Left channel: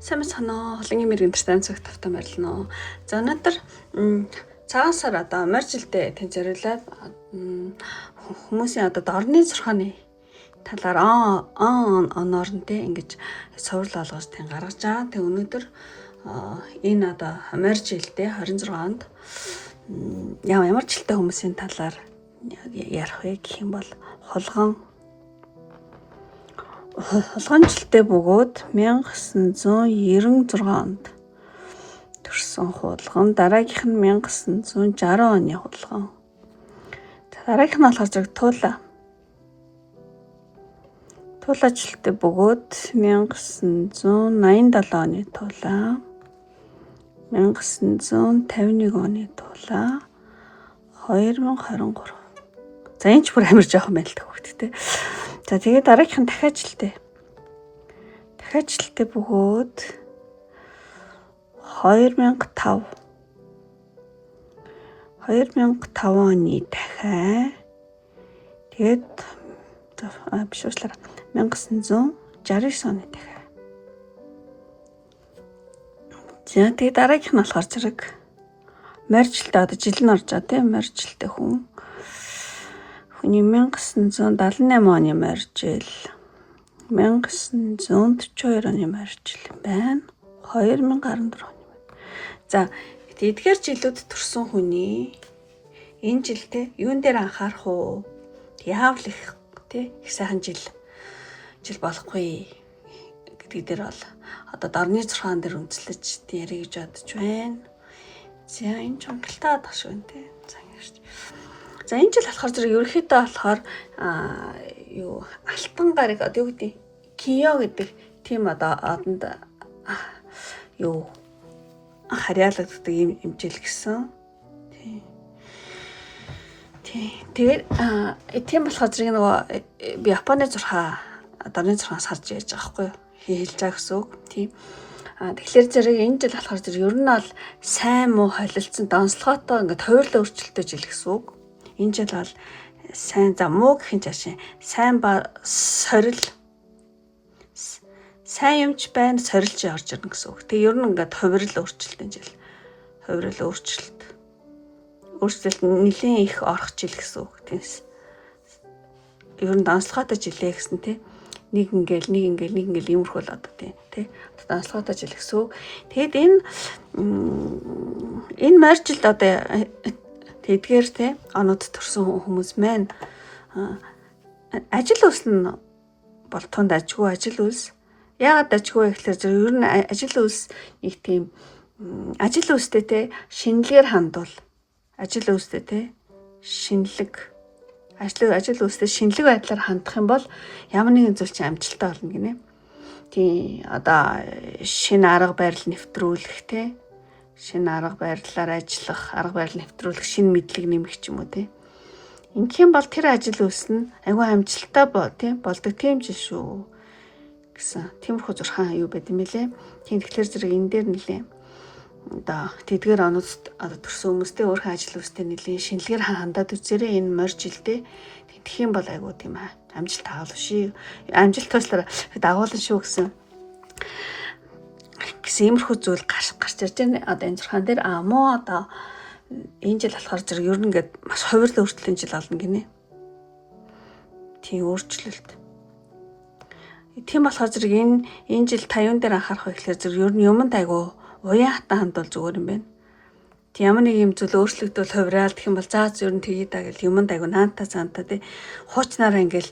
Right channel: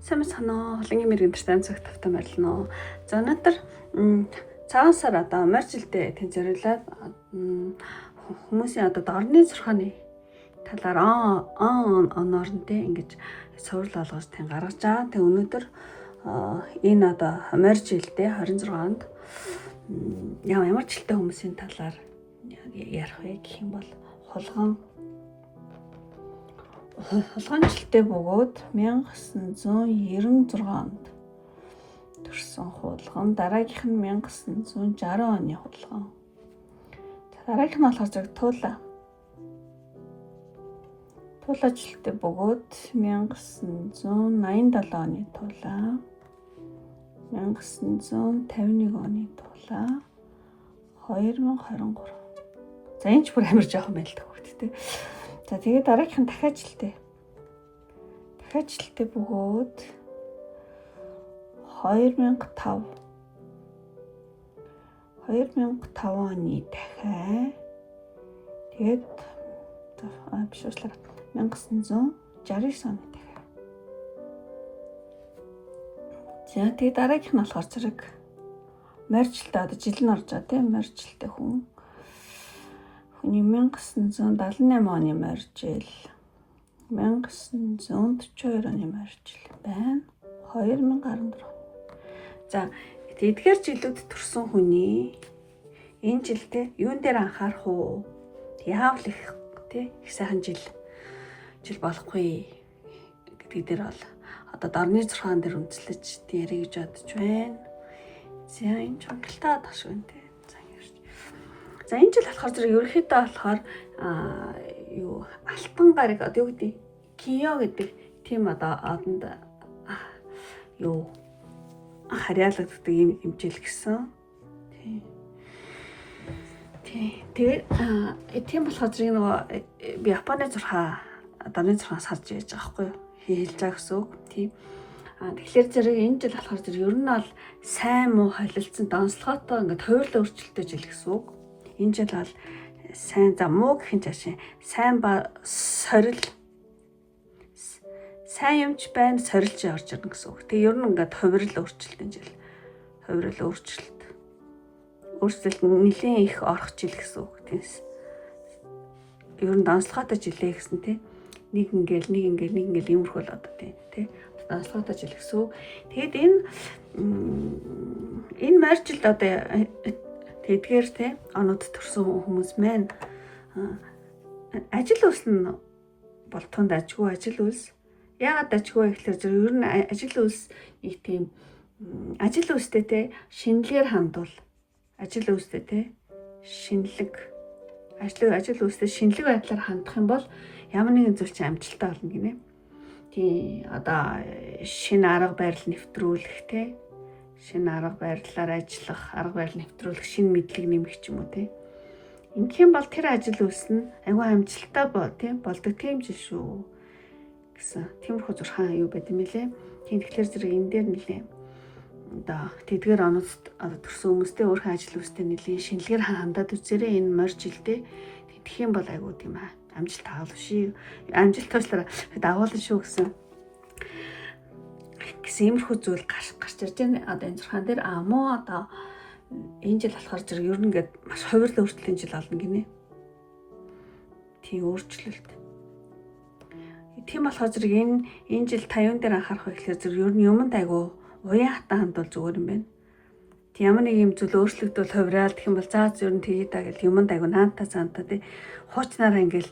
Сайн санаа холынгийн мэрэгэн тань цагт тавтан байрлана. За өнөөдөр цагаан сар одоо морь жилдээ тань зориулаад хүмүүсийн одоо дорны зурхааны талаар оноор нь те ингэж сурал олгож тань гаргаж байгаа. Тэг өнөөдөр энэ одоо морь жилдээ 26-нд ямар жилтэй хүмүүсийн талаар ярих вэ гэх юм бол холгон жилтэй бөгөөд 1996 онд төрсэн хулган, дараагийнх нь 1960 оны хулган. Дараагийнх нь болохоор зэрэг Тула жилтэй бөгөөд 1987 оны Тула, 1951 оны Тула, 2023. За энэ ч бүр амар жоохон байл та хүүхдтэй. За тэгээд дараагийнх нь дахиад жилдээ бөгөөд 2005 оны дахиад тэгээд биш уучлаарай 1969 оны дахиад. За тэгээд дараагийнх нь болохоор зэрэг морь жилдээ одоо жил нь орж байгаа тийм морь жилдээ хүний 1978 оны морь жил, 1942 оны морь жил байна. 2014 оны. За эдгээр жилүүд төрсэн хүний энэ жилдээ юун дээр анхаарах уу? Яавал их сайхан жил болохгүй гэдэг дээр бол одоо дорны зурхаан дээр үндэслэж ярих гэж бодож байна. За энэ ч онголтой байх шүү нэ. За энэ жил болохоор зэрэг ерөнхийдөө болохоор алтан гарыг одоо юу гэдэг Кио гэдэг тийм одоо одонд харьяалагддаг юм жил гэсэн. Тэгээд тийм болохоор зэрэг нөгөө би Японы дорны зурхаас харж яаж байгаа байхгүй юу? Хэлж байгаа гэсэн үг. Тийм. Тэгэхээр зэрэг энэ жил болохоор зэрэг ер нь бол сайн муу холилдсон донслоготой ингээд хуурлын өөрчлөлттэй жил гэсэн үг. Энэ жил бол сайн муу гэх юм жаашин сайн сорил сайн юмч байна сорилж орж ирнэ гэсэн үг. Тэгээ ер нь ингээд хувирал өөрчлөлтийн жил. Хувирал өөрчлөлт нэлийн их орох жил гэсэн үг. Тиймээс ер нь донслоготой жилээ гэсэн тийм нэг ингээл иймэрхүү л одоо тийм донслоготой жил гэсэн үг. Тэгэд энэ морь жилд одоо тэдгээр те онод төрсэн хүмүүс маань ажил үйлс нь бол тунд ажгүй ажил үйлс. Яагаад ажгүй гэхээр зөв ер нь ажил үйлс нэг тийм ажил үйлстэй те шинэлгээр хандвал ажил үйлстэй те ажил үйлстэй шинэлэг байдлаар хандах юм бол ямар нэгэн зүйл чинь амжилттай болно гинэ. Тийм одоо шинэ арга барил нэвтрүүлэх те шинэ арга барилаар ажиллах, арга барил нэвтрүүлэх, шинэ мэдлэг нэмэх ч юм уу тийм. Ингэх юм бол тэр ажил үйлс нь айгүй амжилттай болдог тийм жил шүү гэсэн. Тиймэрхүү зурхаан юу байд юм бэлээ. Тийм тэгэхээр зэрэг энэ дээр нэлээ одоо тэдгээр онод одоо төрсөн хүмүүстэй өөрхөн ажил үйлстэй нэлээ шинэлгээр хандаад үзээрэй энэ морь жилдээ. Тэгэх юм бол айгүй тийм амжилт таавал ший. Амжилт туслаар дагуулна шүү гэсэн иймэрхүү зүйл гарч ирж байна. Одоо энэ зурхаан дээр муу одоо энэ жил болохоор зэрэг ер нь ингээд маш хувирал өөрчлөлтийн жил болно гинэ. Тийм өөрчлөлт. Тийм болохоор зэрэг энэ жил та юун дээр анхаарах вэ гэхээр зэрэг ер нь юмд айгу уян хатан хандвал зүгээр юм байна. Тийм ямар нэг юм зүйл өөрчлөгдөл хувирал гэх юм бол ер нь тгий даа гэл юмд айгу наантаа цаантаа тий хуучнаараа ингээл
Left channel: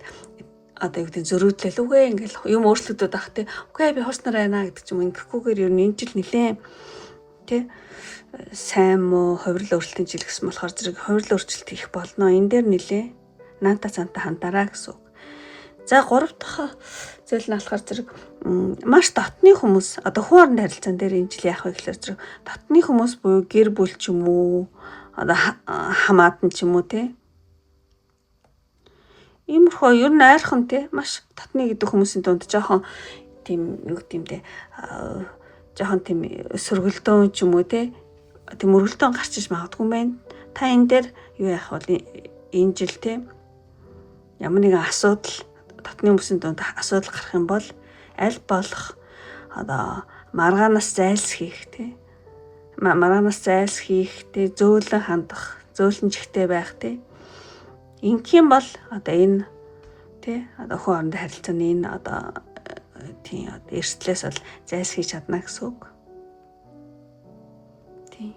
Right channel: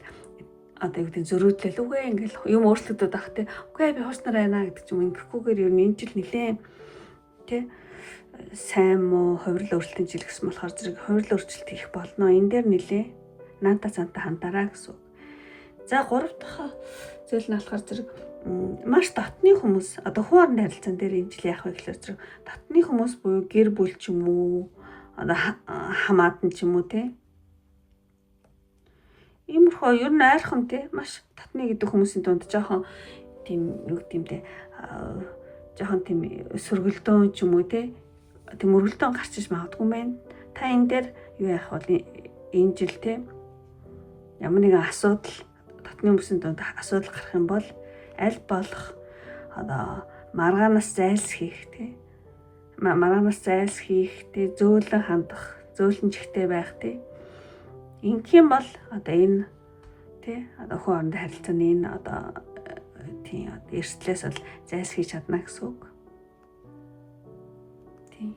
одоо юу гэдэг зөрүүдлэл үгүй ингээл юм өөрчлөгдөд байх тий. Үгүй би хуснаар байна гэдэг ч юм ингэхгүйгээр ер нь энэ жил нэлээ тий сайн муу хувирал өөрчлөлтийн жил гэсэн болохоор зэрэг хувирал өөрчлөлт их болно. Энэ дээр нэлээ наанта цаанта хандаараа гэсэн үг. За 3 дахь зүйл нь болохоор зэрэг маш дотны хүмүүс одоо хүн орны харилцаан дээр энэ жил яах вэ гэхээр зэрэг дотны хүмүүс буюу гэр бүл ч юм уу одоо хамаатан ч юм уу тий иймэрхүү ер нь айрхан тий маш татны гэдэг хүмүүсийн дунд жоохон тийм юу гэдэг юм те жоохон тийм сөргөлдөөн ч юм уу те тийм мөргөлдөөн гарч иж магадгүй байна. Та энэ дээр юу яах вэ? Энэ жил те ямар нэгэн асуудал татны хүмүүсийн дунд асуудал гарах юм бол аль болох одоо маргаанаас зайлсхийх тий. Маргаанаас зайлсхийх тий, зөөлөн хандах, зөөлөн чихтэй байх тий. Ингэх юм бол одоо энэ тий одоо хүн хоорондын харилцааны энэ одоо тий эрсдлээс бол зайлсхийж чадна гэсэн үг. Тий.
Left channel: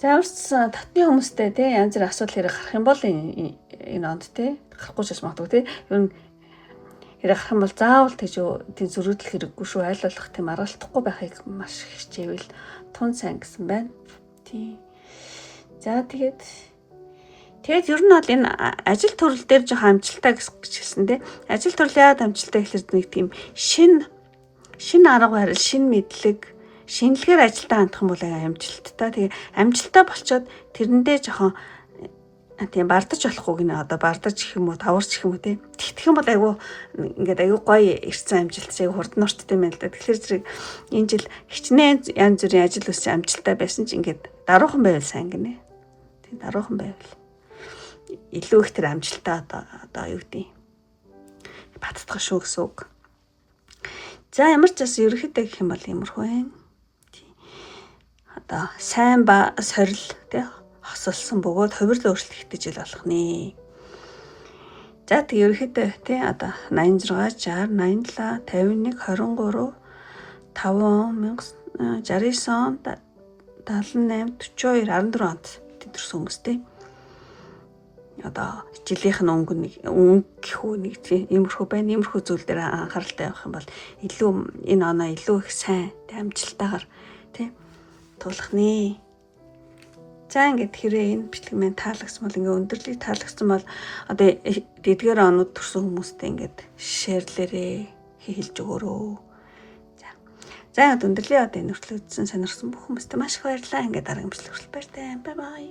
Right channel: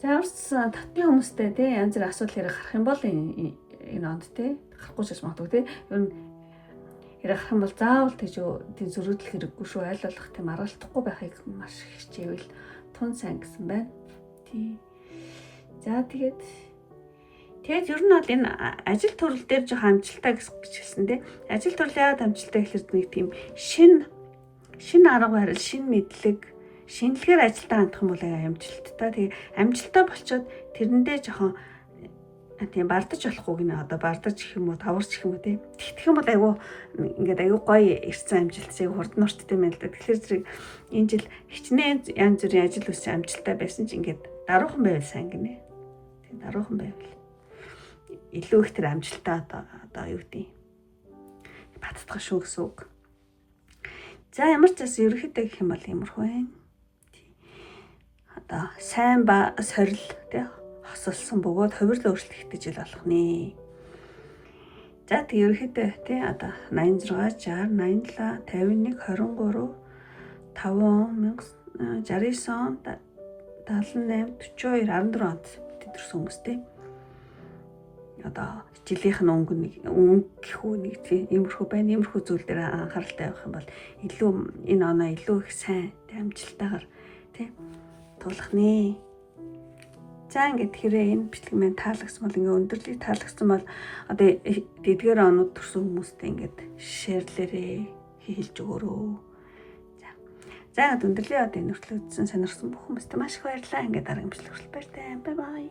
За өөрсдөө татны хүмүүстэй тий янз бүрийн асуудал хэрэг гарах юм бол энэ онд тий гарахгүй ч магадгүй тий ер нь хэрэг гарах юм бол заавал тий зөрүүдлэх хэрэггүй шүү, аль болох тий маргалдахгүй байхыг маш хичээвэл тун сайн гэсэн байна. Тий. За тэгээд ер нь бол энэ ажил төрөл дээр жоохон амжилттай гэж хэлсэн тий. Ажил төрөл яагаад амжилттай гэхээр нэг тийм шин арга барил, шин мэдлэг, шинэлгээр ажилдаа хандах юм бол амжилттай. Тэгээ амжилттай болчоод тэрэндээ жоохон тийм бардаж болохгүй гинэ. Одоо бардаж гэх юм уу, таварч гэх юм уу тий. Тэгэх юм бол айгүй ингээд айгүй гоё ирсэн амжилт, айгүй хурдан урттай юм л да. Тэгэхээр зэрэг энэ жил хичнээн янз бүрийн ажил үсч амжилттай байсан ч ингээд даруухан байвал сайн гинэ. Тий даруухан байвал илүү их тэр амжилтаа одоо юу гэдэг баттгах шүү гэсэн үг. За ямар ч бас ерөнхийдөө гэх юм бол иймэрхүү байна. Одоо сайн ба сорил тий хосолсон бөгөөд хувирлын өөрчлөлт ихтэй жил болох нэ. За тэг ерөнхийдөө тий одоо 86, 60, 87, 51, 23, 5, 1969 78, 42, 14 онд тэдэрсэн хүмүүс тий. Одоо жилийнх нь өнгө гэхүү нэг тийм иймэрхүү байна. Иймэрхүү зүйл дээр анхааралтай явах юм бол илүү энэ оноо илүү их сайн амжилттайгаар тий тулах нэ. За ингээд хэрэг энэ бичлэг маань таалагдсан бол ингээд өндөрлийг таалагдсан бол одоо эдгээр онууд төрсэн хүмүүстэй ингээд шеэрлээрээ хийлж өгөөрөө. За ингээд өндөрлийг одоо энэ хүртэл үзсэн сонирхсан бүх хүмүүстээ маш их баярлалаа. Ингээд дараагийн бичлэг хүртэл баяртай. Бай бай.